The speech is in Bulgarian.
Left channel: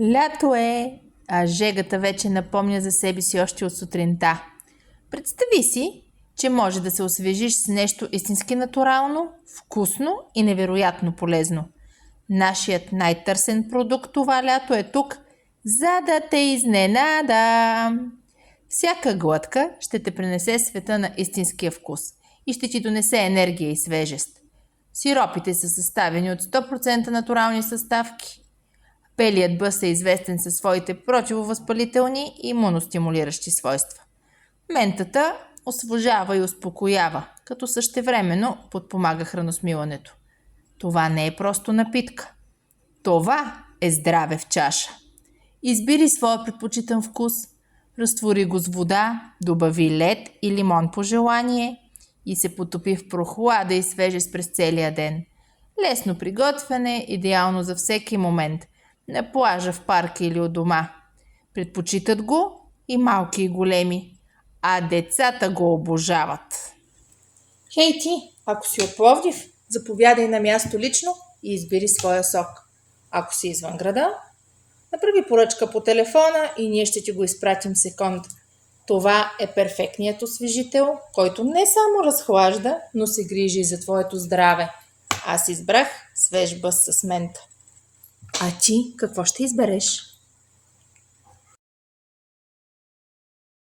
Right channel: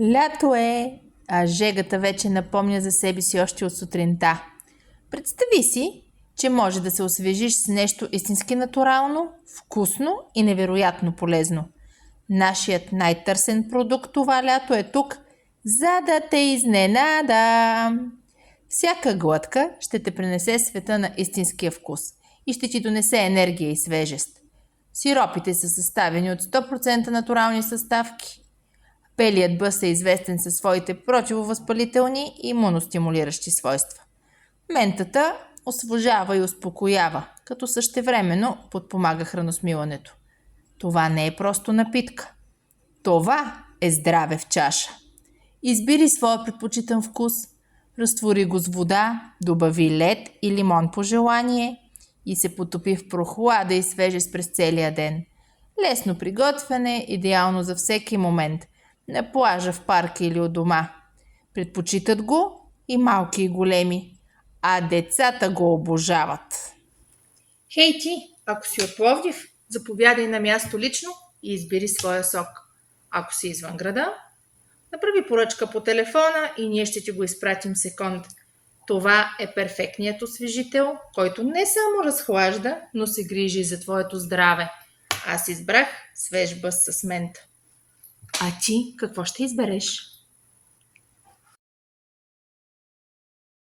Лято е, а жегата вече напомня за себе си още от сутринта. Представи си, че може да се освежиш с нещо истински натурално, вкусно и невероятно полезно. Нашият най-търсен продукт това лято е тук, за да те изненада. Всяка глътка ще те принесе света на истинския вкус и ще ти донесе енергия и свежест. Сиропите са съставени от 100% натурални съставки. Пелият бъс е известен със своите противовъзпалителни и имуностимулиращи свойства. Ментата освежава и успокоява, като същевременно подпомага храносмилането. Това не е просто напитка. Това е здраве в чаша. Избери своя предпочитан вкус, разтвори го с вода, добави лед и лимон по желание и се потопи в прохлада и свежест през целия ден. Лесно приготвяне, идеално за всеки момент. На плажа, в парка или у дома. Предпочитат го и малки и големи, а децата го обожават. Хей ти, ако си от Пловдив, заповядай на място лично и избери своя сок. Ако си извън града, направи поръчка по телефона и ние ще ти го изпратим в секунд. Това е перфектният освежител, който не само разхлажда, но се грижи за твоето здраве. Аз избрах свеж бъс с мента. А ти какво ще избереш?